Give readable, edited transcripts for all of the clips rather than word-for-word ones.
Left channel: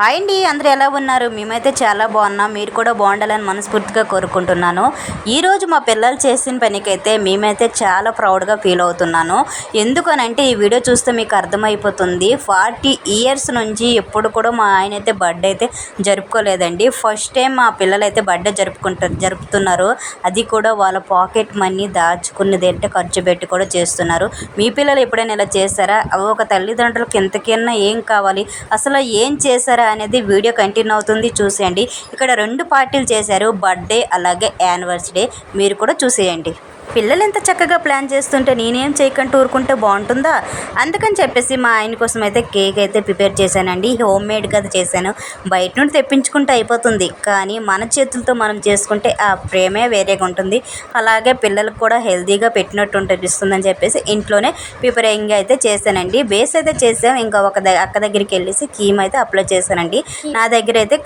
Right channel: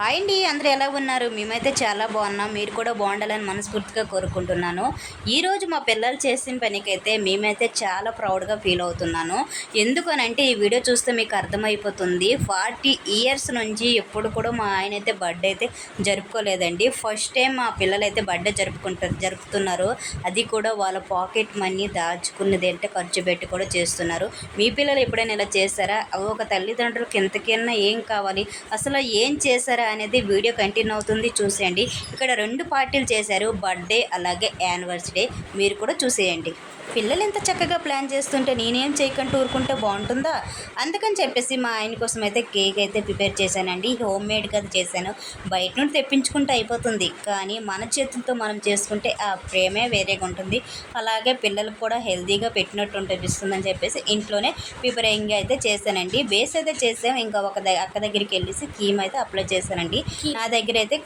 Hi అండి, అందరూ ఎలా ఉన్నారు? మేమైతే చాలా బాగున్నాం. మీరు కూడా బాగుండాలని మనస్ఫూర్తిగా కోరుకుంటున్నాను. ఈరోజు మా పిల్లలు చేసిన పనికైతే మేమైతే చాలా ప్రౌడ్గా ఫీల్ అవుతున్నాను. ఎందుకనంటే ఈ వీడియో చూస్తే మీకు అర్థమైపోతుంది. 40 ఇయర్స్ నుంచి ఎప్పుడు కూడా మా ఆయన అయితే బర్త్డే అయితే జరుపుకోలేదండి. ఫస్ట్ టైం మా పిల్లలు అయితే బర్త్డే జరుపుతున్నారు. అది కూడా వాళ్ళ పాకెట్ మనీ దాచుకున్నది అంటే ఖర్చు పెట్టి కూడా చేస్తున్నారు. మీ పిల్లలు ఎప్పుడైనా ఇలా చేస్తారా? ఒక తల్లిదండ్రులకి ఎంతకైనా ఏం కావాలి, అసలు ఏం చేశారా అనేది వీడియో కంటిన్యూ అవుతుంది, చూసేయండి. ఇక్కడ 2 పార్టీలు చేశారు, బర్త్డే అలాగే యానివర్సరీ. మీరు కూడా చూసేయండి. పిల్లలు ఎంత చక్కగా ప్లాన్ చేస్తుంటే నేనేం చేయకుండా ఊరుకుంటే బాగుంటుందా? అందుకని చెప్పేసి మా ఆయన కోసం అయితే కేక్ అయితే ప్రిపేర్ చేశానండి. హోమ్ మేడ్గా చేశాను. బయట నుండి తెప్పించుకుంటే అయిపోతుంది, కానీ మన చేతులతో మనం చేసుకుంటే ఆ ప్రేమే వేరేగా ఉంటుంది. అలాగే పిల్లలకు కూడా హెల్తీగా పెట్టినట్టు అనిపిస్తుందని చెప్పేసి ఇంట్లోనే ప్రిపేరింగ్ అయితే చేశానండి. బేస్ అయితే చేసాం. ఇంకా అక్క దగ్గరికి వెళ్ళేసి థీమ్ అయితే అప్లై చేశానండి. నా దగ్గర అయితే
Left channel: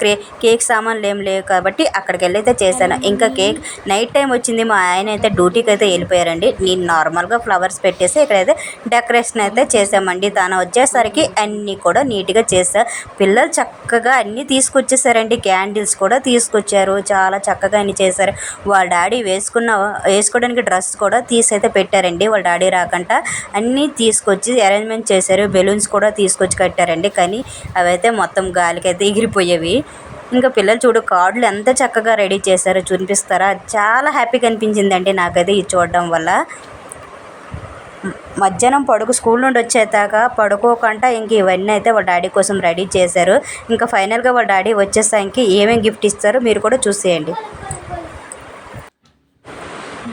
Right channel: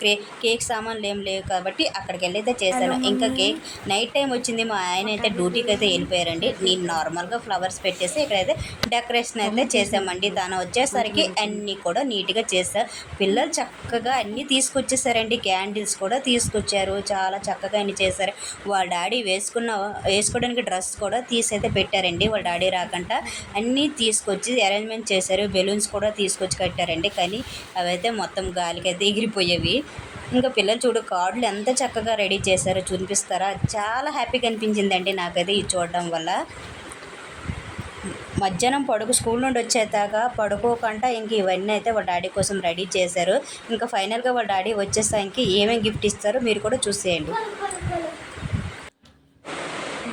కేక్ సామాన్లు ఏం లేవు కాబట్టి అక్కడికి వెళ్ళి అయితే చేశాను. ఇంకా కేక్ నైట్ టైం వచ్చింది. మా ఆయన అయితే డ్యూటీకి అయితే వెళ్ళిపోయారండి. నేను నార్మల్గా ఫ్లవర్స్ పెట్టేసి ఇక్కడైతే డెకరేషన్ అయితే చేసామండి. తను వచ్చేసరికి అన్నీ కూడా నీట్గా చేసా. పిల్లలు చక్కగా అన్నీ తీసుకొచ్చేసారండి. క్యాండిల్స్ కూడా తీసుకొచ్చారు. చాలా చక్కగా అన్నీ చేశారు. వాళ్ళ డాడీ వేసుకోవడానికి డ్రెస్ కూడా తీసైతే పెట్టారండి. వాళ్ళ డాడీ రాకుండా అన్నీ తీసుకొచ్చి అరేంజ్మెంట్ చేశారు. బెలూన్స్ కూడా తీసుకొచ్చి కట్టారండి. కానీ అవైతే మొత్తం గాలికి అయితే ఎగిరిపోయేవి. ఇంకా పిల్లలు చూడు కార్డులు ఎంత చక్కగా రెడీ చేశారో చూపిస్తారా? చాలా హ్యాపీగా అనిపించిందండి నాకైతే ఇది చూడడం వల్ల. మధ్యాహ్నం స్కూల్ నుండి వచ్చేదాకా పడుకోకుండా ఇంక ఇవన్నీ అయితే వాళ్ళ డాడీ కోసం రెడీ చేశారు. ఇంకా ఫైనల్గా వాళ్ళ డాడీ వచ్చేసరికి ఏమేమి గిఫ్ట్ ఇస్తారో మీరు కూడా చూసేయండి.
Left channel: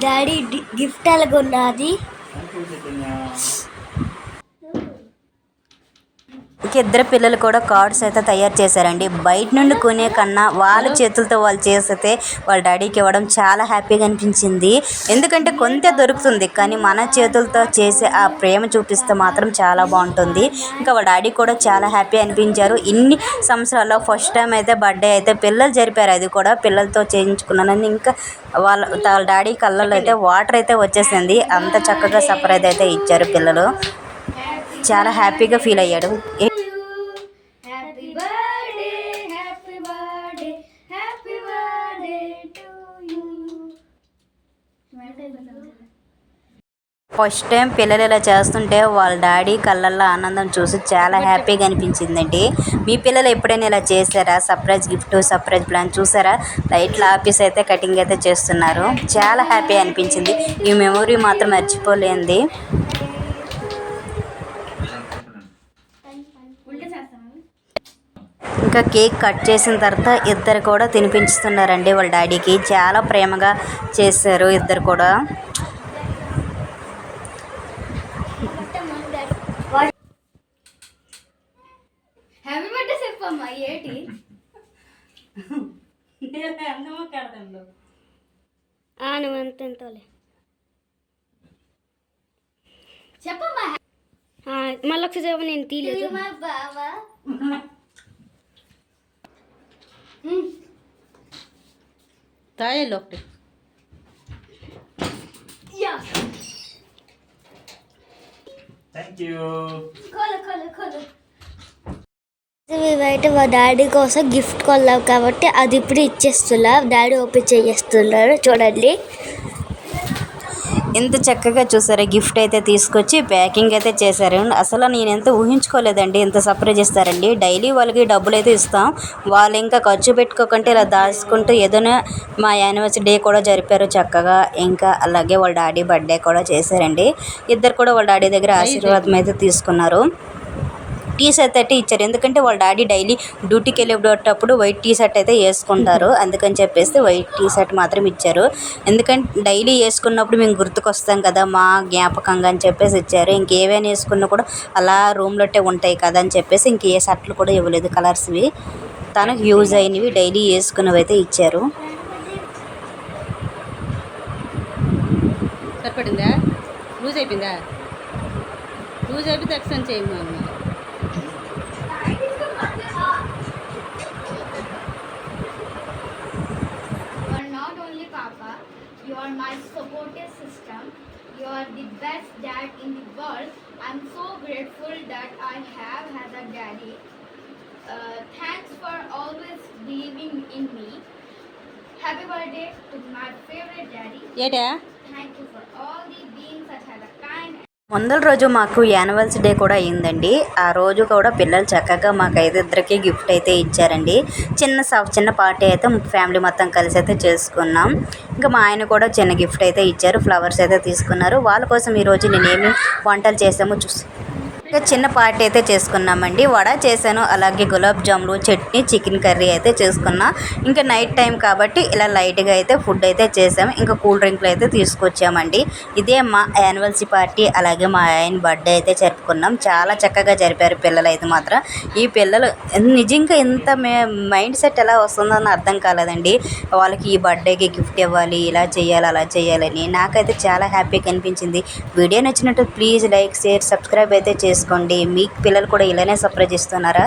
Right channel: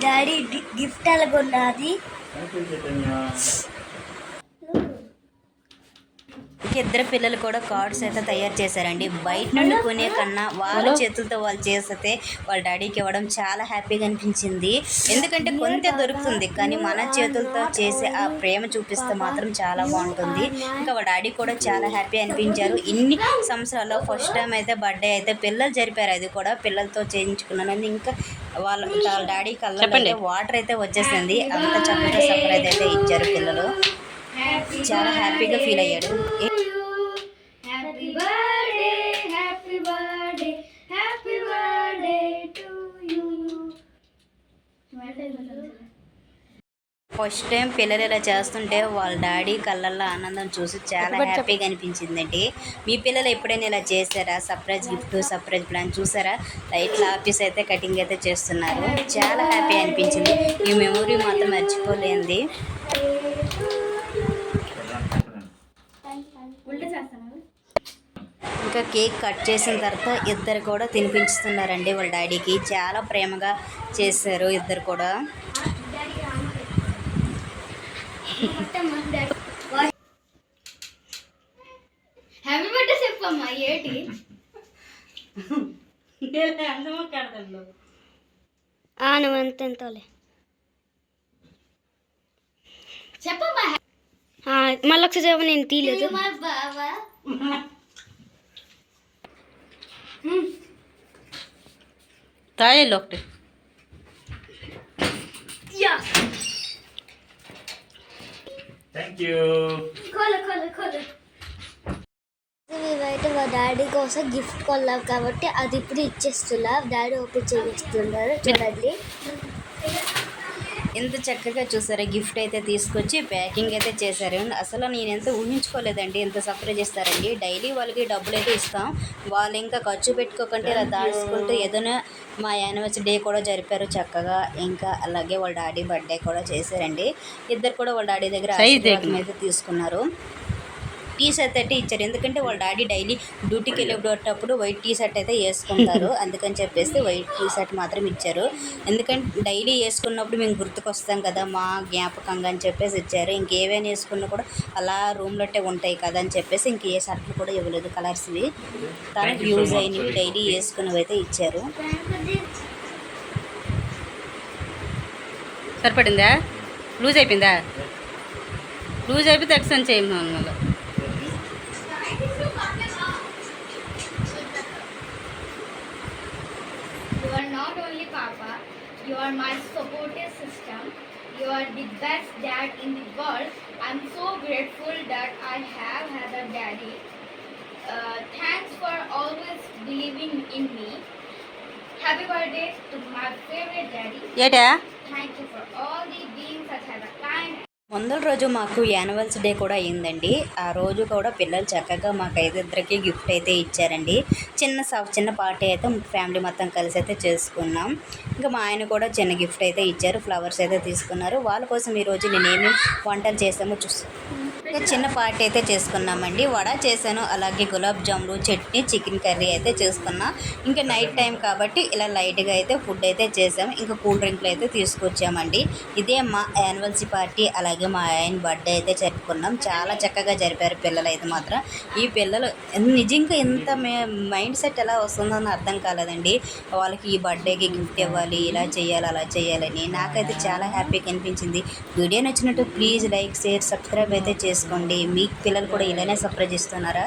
డాడీ గిఫ్ట్ ఎలాగొన్నది? ఇద్దరు పిల్లలు కూడా కార్డ్స్ అయితే తయారు చేశారండి. బయట నుండి కొనే కన్నా వాళ్ళ చేతులతో వాళ్ళు చేస్తే వాళ్ళ డాడీకి ఇవ్వడం చాలా హ్యాపీగా అనిపించింది. ఎందుకంటే కొంత దొరుకుతుంది, కానీ మన చేతులతో చేసే ఆ ప్రేమ చూపిస్తే మాత్రం చాలా బాగుంటుంది. ఇంకా వాళ్ళ డాడీ కూడా చాలా హ్యాపీ అనిపించారు. ఇన్ని సంవత్సరాల్లో ఫస్ట్ టైం అయితే బర్త్డే అయితే పిల్లలు జరిపారు. అది కూడా పిల్లలతో చేయించుకున్నానని ఇంకా వాళ్ళ డాడీ కళ్ళల్లో అయితే వాటర్ అయితే వచ్చేసింది. అంత చక్కగా సర్ప్రైజ్ అయితే ఇచ్చారు పిల్లలు. చాలా హ్యాపీగా ఫీల్ అయ్యాడు. ఫస్ట్ టైం పిల్లలు ఇలా చేస్తుంటే వాళ్ళ డాడీ కళ్ళల్లో ఆనందం చూసి చాలా హ్యాపీగా అనిపించిందండి. మీ పిల్లలు ఎప్పుడైనా ఇలా చేశారా? సర్ప్రైజ్ గిఫ్ట్, సర్ప్రైజ్ ప్లాన్ చూసారా? లైట్ల ఆఫీస్ అయితే కటింగ్ అయితే చేస్తున్నారు. చాలా హ్యాపీ అనిపించింది. ఈ మెమొరీ మాత్రం మర్చిపోలేంది. ఇంకా కేక్ కట్ చేసిన తర్వాత ఇద్దరు కూడా తినిపించుతున్నారండి వాళ్ళ డాడీకి. చాలా ప్రేమగా చేశారు ఇద్దరు కూడా. హ్యాపీ బర్త్డే చెప్పమ్మా. ఏంటి నువ్వు ఎంతలే చెప్పమ్మా. మళ్ళీ ఒకసారి చెప్ప, నేను తీయలేదు. తాయలు ఒకటి బయట మా డాడీ కోసం గిఫ్ట్ కొన్నాం కాబట్టి అది ఇప్పుడు ఇచ్చేస్తున్నా. డాడీ ఓపెన్ చేస్తున్నారు, చూడండి. ఎంత చక్కగా చూసారా? గిఫ్ట్ అయితే తీసుకొచ్చి ప్యాకింగ్ అయితే చేశారు. అసలు నేను ఎంత ఊహించుకోలేదండి ఎంత సర్ప్రైజ్ ఇస్తారండి. డైలీ వాళ్ళకి డబ్బులు అయితే ఇస్తాం, వాళ్ళు ఇంకా ఖర్చు పెట్టుకోకుంటే ఇలా దాచుకుంటూ ఏదైనా మా యానివర్సరీ డే కూడా జరిపారు చక్కగా. ఇంకా అలాగే వాళ్ళ డాడీ బర్త్డే కూడా చేశారండి. ఇద్దరు కూడా వాళ్ళ డాడీ దగ్గర ఆశీర్వాదం అయితే తీసుకున్నారు. టీ షర్ట్ అయితే ఇచ్చారు. ఎందుకంటే వాళ్ళ డాడీ డైలీ డ్యూటీకి వెళ్ళేటప్పుడు వైట్ టీ షర్ట్ అయితే వేసుకుంటారు. అందుకని చెప్పేసి వైట్ టీ షర్ట్ మాత్రం ఇచ్చారు. ఎందుకంటే డైలీ వేసుకున్నప్పుడు మేము గుర్తుకొస్తాం కదా, మా జ్ఞాపకంగా అని చెప్పేసి ఇచ్చారు. ఇంకేవైనా వేసుకున్నా కూడా అలా రూమ్లోటే ఉంటాయి కదా అని చెప్పేసి ఇంక ఏ షర్ట్లు కూడా ఇవ్వలేదు. కలర్స్వి తనకు యూజ్ అయినవి డైలీ వేసుకున్నవి అయితే ఇచ్చారు. సరిపడిందా? లూజ్ అయిపోయిందా? లూజ్ అయిపోతే ఎక్స్చేంజ్ చేయము అన్నమాట. You are my supportive system. You are the best dad in the world. I'm so grateful that I have had a daddy. Thanks believing in me. Happy birthday to my favorite daddy. ఏటా Thank you for all the being such a kind. ముందల రోజు మాకు anniversary day కూడా అయిందండి. ఆ రోజు కూడా పిల్లలు చక్కగా మాకు ఇద్దరికి గిఫ్ట్ అయితే ఇచ్చారండి. చిన్న పార్టీ అయితే ఫ్యామిలీ మొత్తం కలిసి అయితే చేసుకున్నాం. ఇంకా మా ఆయన కూడా చిన్న గిఫ్ట్ అయితే ఇచ్చారు. ఫ్లవర్స్ అయితే తీసుకున్నారు. వాళ్ళ కోసం ఈరోజు నేనేమి వంటలు చేసామో చిన్న పార్టీ అయితే చేసుకున్నామండి. వడ చేశాను, అలాగే గులాబ్ జాములు, చట్నీ, చికెన్ కర్రీ అయితే చేసుకున్నా. ఇంకా నైట్ టైం కాబట్టి ఇలా లైట్గా అయితే ఫుడ్ అయితే చేసాము. ఇంకా కూల్ డ్రింక్లు అయితే తీసుకొచ్చామండి. ఇదే మా యానివర్సరీ పార్టీ, అలాగే మా ఆయన బర్త్డే అయితే జరుపుకున్నాం. చాలా చక్కగా జరిపారు పిల్లలు అయితే మాత్రం. ఈ పిల్లలు నిజంగా ఇంత మైండ్ సెట్ ఎలా వస్తుందని అర్థం కాలేదండి. వాళ్ళకి ఈ బర్త్డేకి గిఫ్ట్ ఇవ్వాలి, ఇలా చేయాలి, అలా చేయాలని నాకైతే చాలా హ్యాపీగా అనిపించింది. వీడియో నచ్చినట్టు ప్లీజ్ లైక్, షేర్, సబ్స్క్రైబ్ అయితే చేసుకోండి. మీ పిల్లలు కూడా ఇలానే సర్ప్రైజ్ ఇస్తున్నారా?